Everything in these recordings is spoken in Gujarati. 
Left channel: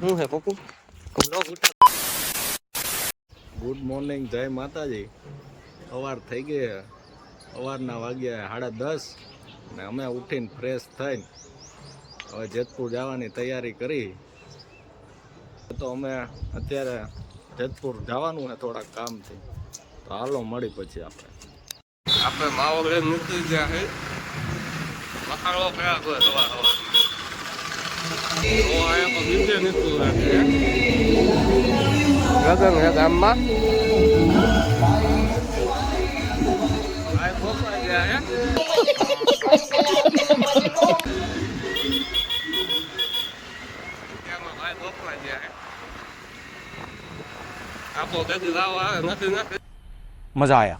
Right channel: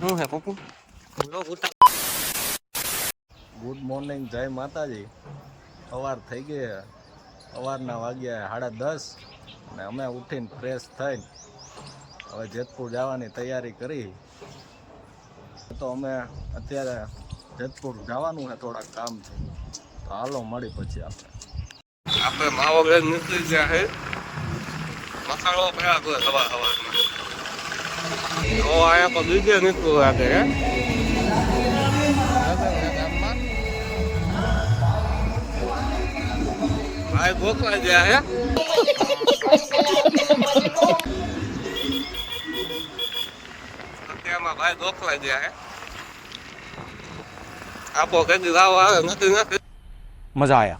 હું હે પપ્પુ ગુડ મોર્નિંગ, જય માતાજી. સવાર થઈ ગઈ, સવારના વાગ્યા 10:30 અને અમે ઉઠીને ફ્રેશ થઈને હવે જેતપુર જવાની તૈયારી કરી. તો અમે અત્યારે જેતપુર જવાનું છે થોડાક કામથી, તો હાલો મળી પછી આપણે માવો લઈને નીકળી ગયા છે. મસાલો કયા કોઈ હવા તો અહીંયા પર બીજે નીકળવું લાગે હે લગન છે ગામમાં. ભાઈ ગોખવા ગયા હે અત્યારમાં ભાઈ ગોખવા ગયા હે. આપો કદી લાવો આવે નથી मजा आया.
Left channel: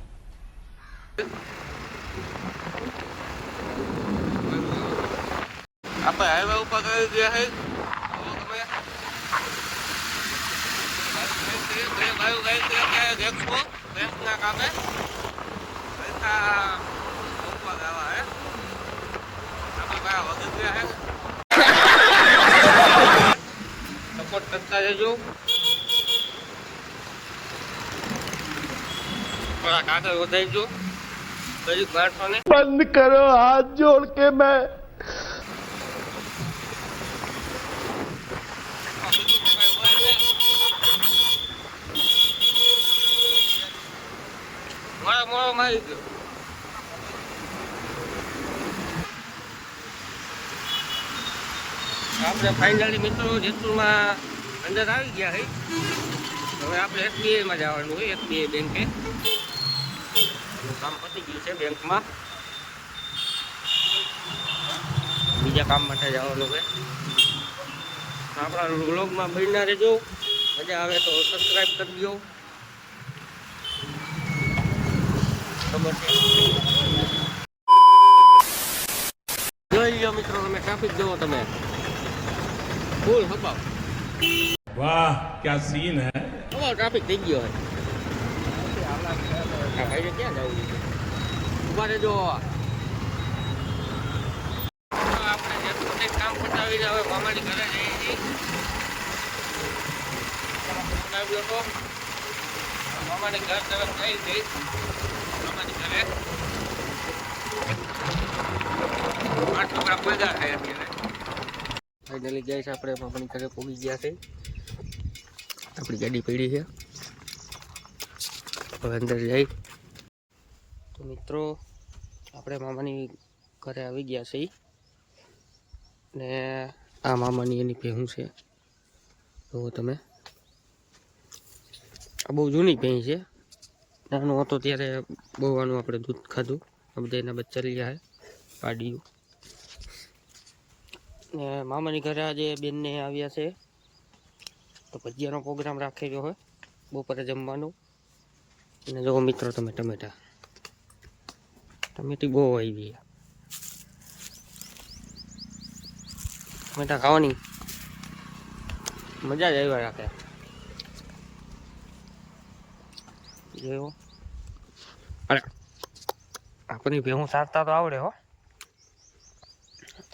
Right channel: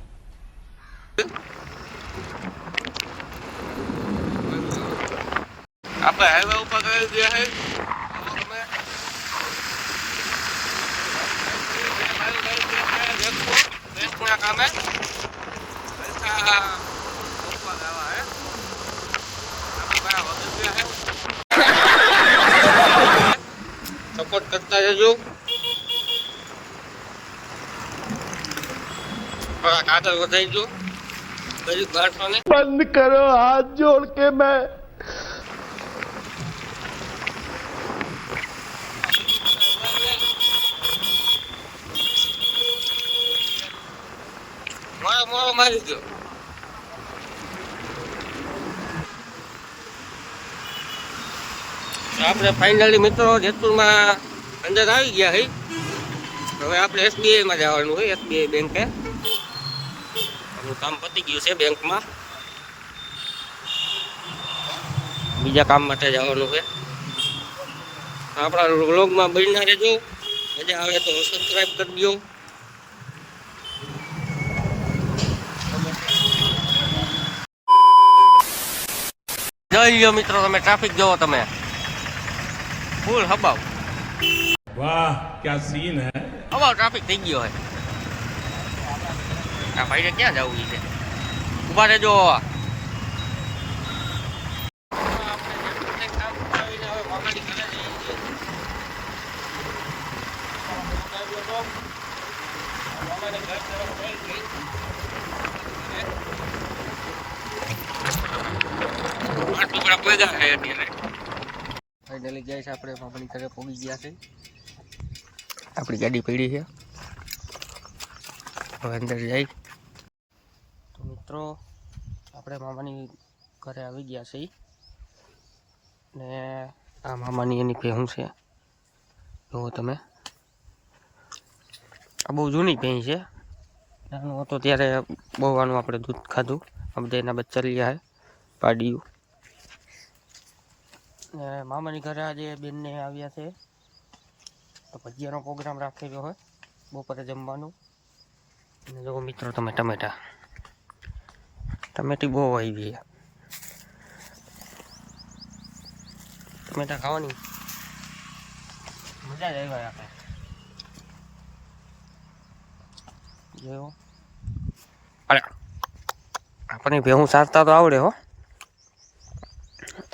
આપણે હાઈવે ઉપર કરી ગયા છે. બેંકના કામે પૈસા ગોખવા જવા હે. આપણે ભાઈ વગર ગયા હે. સપોર્ટ કરતા જજો. થોડાક આગળ વધારજો. ગરીબ માણસોને बंद करो, हाथ जोड़ के मैं મોડો મારી ગયો. આપણે ફાઇનલી મિત્રો જેતપુરમાં અંદર આવી ગયા છે. હવે આપણે એસબીઆઈમાં જવાનું હોય, એસબીઆઈ બેંકે. કામ પતી ગયું છે બેંકમાં, બીજા કામ માટે જવાનું છે. આપણા વ્લોગમાં બન્યા રહેજો. મજા આવે તો સબસ્ક્રાઈબ કરી દો. જોઈ લો મિત્રો, તમે ટ્રાફિક જોવો, તમે ફૂલ હબાવ. वाह क्या सीन है. હબાવ ટ્રાફિક થઈ ગયો હોય. આ ભાઈને ક્યાં જવું છે? ઉભા રહેજો. આપણે જેટલું કામ પતાવીને હવે મામાની ઘરે જઈએ છીએ. ફોન આવ્યો હતો, મામાની ઘર તરફ જઈ ગઈ. મામાની ઘરે ફાઇનલી જાય છે. આપણે મામાની ઘરે પહોંચી ગયા છે. આપણી ગાડી પડી છે, હવે અંદર જાય. તો મિત્રો આપણે મામાની ઘરે આવી ગયા છે ને આ મામાની એની ભેહું છે. જુઓ તમે, આ બહુ જૂની ભેં છે. નાનું હતો ત્યારે બહુ આનું આપણે દૂધ ખાધું. આ બધા એના બચ્ચા રહ્યા છે, પાડીયું. ને મામાની ઘરે આજે બેનને આવ્યા છે, તો ભજીયાનો પ્રોગ્રામ રાખેલો હોય બપોરે જમવાનું. અને જો મિત્રો તમે ટમેટી બહુ આવી છે. ટમેટા ખાવાની મજા જ આવ્યા રાખે. જો અરે આપણે ભેહું સારતા તો આવડે હો.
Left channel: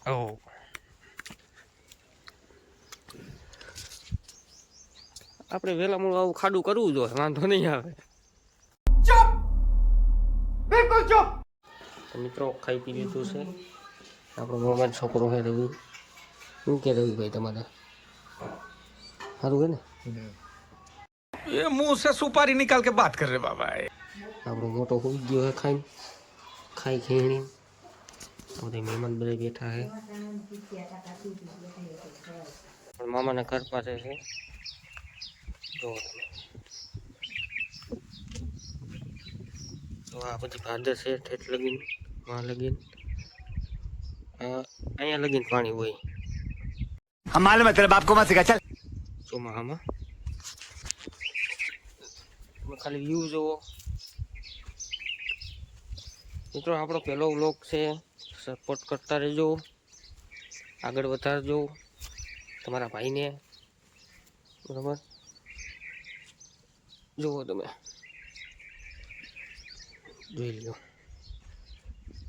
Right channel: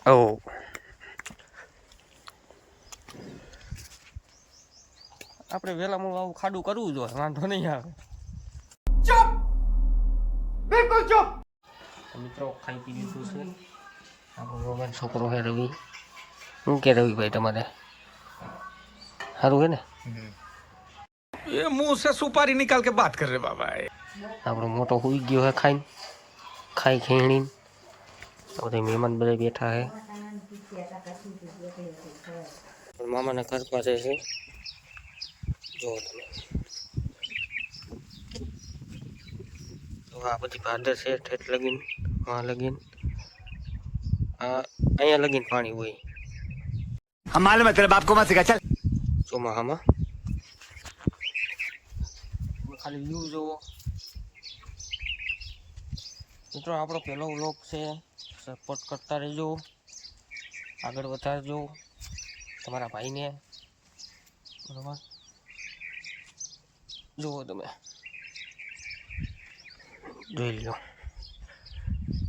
ઓ આપણે વહેલા મોડું આવું ખાડું કરવું જોઈએ, વાંધો નહીં આવે. बिल्कुल चुप. મિત્રો ખાઈ પી લીધું છે. આપણો મોબાઈલ છોકરો છે રવિ. શું કે રવિભાઈ તમારે સારું છે ને? ये मुंह से सुपारी निकाल के बात कर रहे बाबा. આપણો મોટો હોઈ ગયો છે ખાઈ ખેણી. બધા મહેમાન બધા બેઠા છે. મામાના ઘર પાસે છે. તો આ બધી ભાદર છે, ઠેઠ લગીન આ લગીન અહીંયા લગીન પાણી હોય. हम मालूम है तेरे बाप को मत सिखा चल. ચોમાસામાં ખાલી વ્યૂ જોવો મિત્રો. આપણો પહેલો વ્લોગ છે, સપોર્ટ કરતા રહેજો, આગળ વધારજો તમારા ભાઈને. બરાબર, જુઓ તમે, જોઈ લો.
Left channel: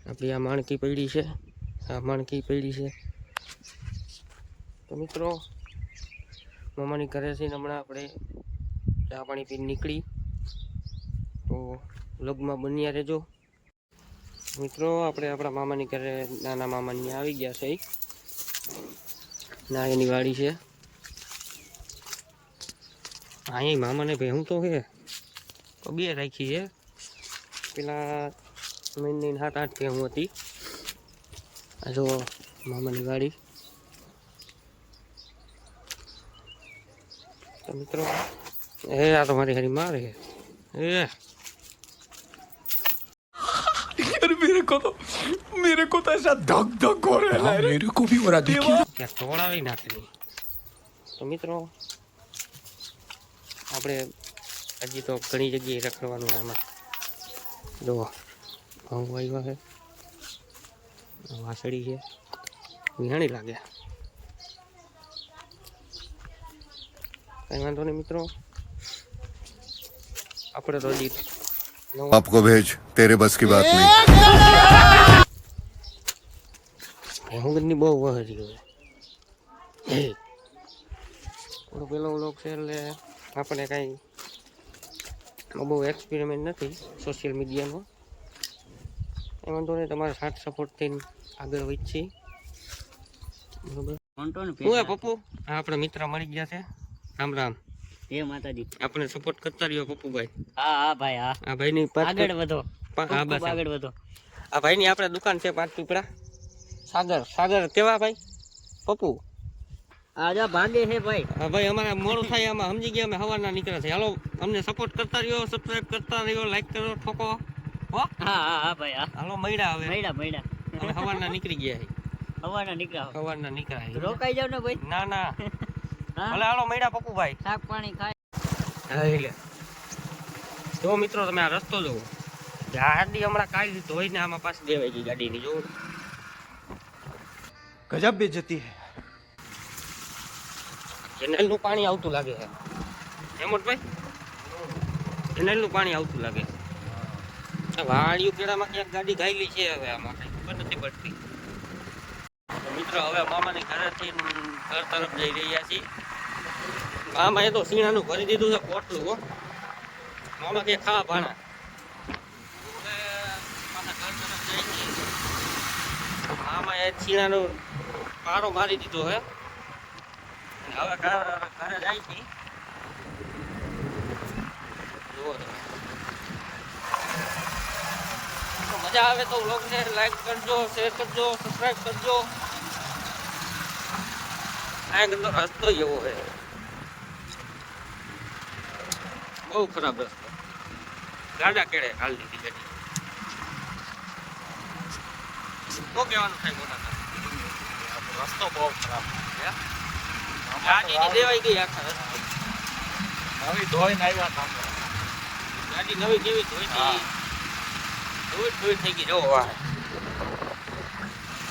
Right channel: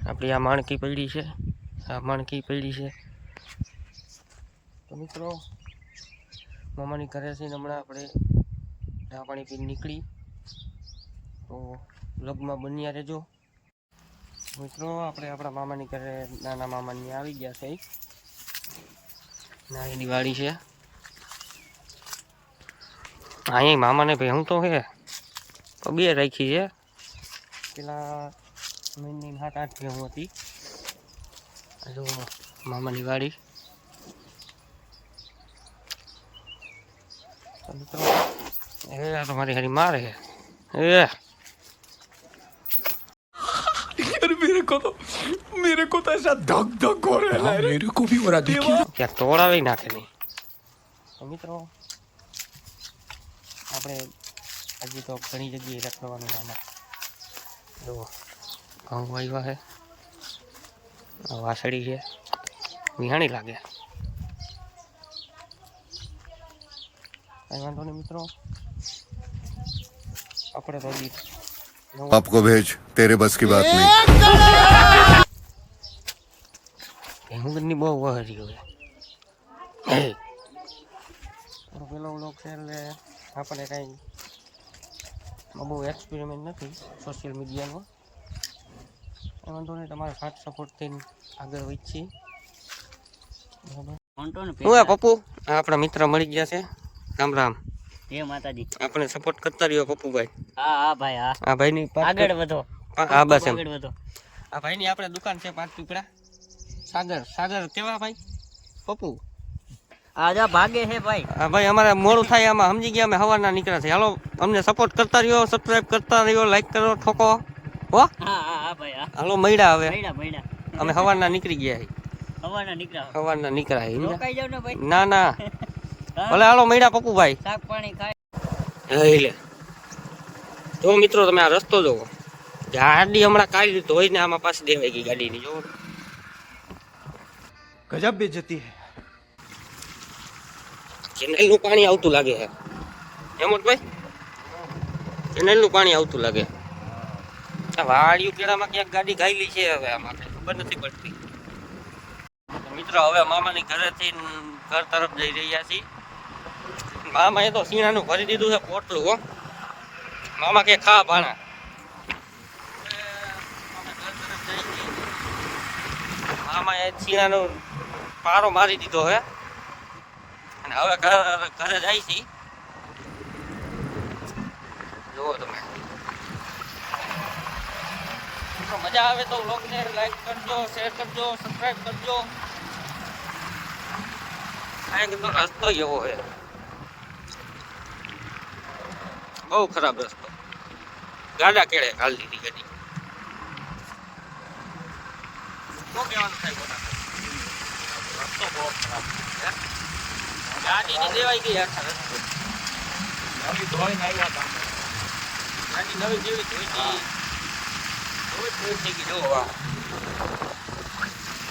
આપણી આ માણકી પડી છે, તો મિત્રો મામાની ઘરે છે ને હમણાં આપણે ચા પાણી પીને નીકળી, તો વ્લોગમાં બન્યા રહેજો મિત્રો. આપણે આપણા મામાની ઘરે નાના મામાની આવી ગયા છે. ના એની વાડી છે અહીંયા. મામાને ભાઈ હું તો હે તો બે રાખી છે. પેલા મહિને 7-8 ભેહું હતી. જો મામાની વાડી. તો મિત્રો આ તો મારી હારી મારે છે. यार मेरे को तो ऐसा धक धक हो रहा है, मेरे को भी हो रहा देखिए. ત્યાં તોડાવી નાખે નહીં. તો મિત્રો આપણે હજી તો ઘણી જગ્યાએ રખડવાનું આમાં. જો ઘઉં આવ્યા છે, વાસળી છે, વિહાણી લાગે. કઈ વાંધો નહીં મિત્રો, આપણે તો હજી आपको भेज तेरे बस की बात नहीं. હું બહુ વહરી હોય. થોડો પેલો વ્લોગ છે એટલે આપણે કાંઈ બહુ એક્સપેરિમેન્ટ નથી સોશિયલ મીડિયાનો. એ વાંધો નહીં, તમારે સાથ સપોર્ટથી આગળ વધીએ. બરોબર. હું પપ્પુ આપણા મિત્ર મળી ગયા છે. રામ રામ. જય માતાજી. આપણે સપોર્ટ કરતા રહ્યો પપ્પુભાઈ. હા હા ભાઈ હા. આ ભાઈની આગળ વધો. હા બસ આગળ વધો. આ ભાઈની આપણે દુકાન છે 5 પીપળા. સાગર કેવા ભાઈ પપ્પુ? આજા ભાગે છે ભાઈ. હા ભાઈ, અમારે મોડું થાય આમાં, સમજી ગયા અમે સવારના નીકળ્યા છે. હાલો અમને સપોર્ટ કરતા રહ્યો, સબસ્ક્રાઇબ કરતા રહ્યો, લાઈક કરો, ઠોકો હો. હા હા હા ભાઈ હા. હાલો મળ્યા હવે. મહિના અમે સવારના નીકળી ગયા છે. હવાના નીકળ્યા. સવારના નીકળ્યા છે. રોકાઈ જાવ ને ભાઈ. ના ના ભલે હાલો મળ્યા પપ્પુભાઈ. શાક પાણી ખાય. લે જો મિત્રો તમે આ રસ્તો જોવો. ગાડી હમણાં કાઢી ધોઈને આમાં પાછી દેવાઈ ગઈ ગાડીની. જોવો गजब बेइज्जती है. કેનાલનું પાણી આવતું લાગે છે હેમંતભાઈ. કેનાલનું પાણી આવતું લાગે. આ વાડિયું પેડામાં ક્યાંક ગાડી ગાયેલી છે હવે આમાં ખબર નથી પડતી. તો મિત્રો હવે મામાની ઘરેથી ઘર તરફ જઈ રહ્યા છીએ. મામા એ તો સીણાનું ભરી દીધું છે પોટલું. હો મામા કે ખા ભાણા. મામા એ સીણાનો પારો મારી દીધો હે. અને હવે ઘરે જાય છે. જુઓ તો મજા આવે તો વ્લોગને લાઈક કરજો, શેર કરજો, સબસ્ક્રાઇબ કરજો. કાંઈક તો રસ્તો એવો છે, બહુ ખરાબ રસ્તો. ગાડા કેળે ખાલી દીધી ગાડી. શું કહેવાનું થાય મોટા રસ્તો બહુ ખરાબ. ગાડી લેવાઈ ગઈ આખા રસ્તે. નવી ધોઈને આવ્યા હતા. ગાડી નવી જેવી ધોઈ થઈ ગઈ. જો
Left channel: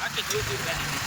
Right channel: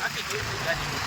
આખી ધોઈ ગાડી.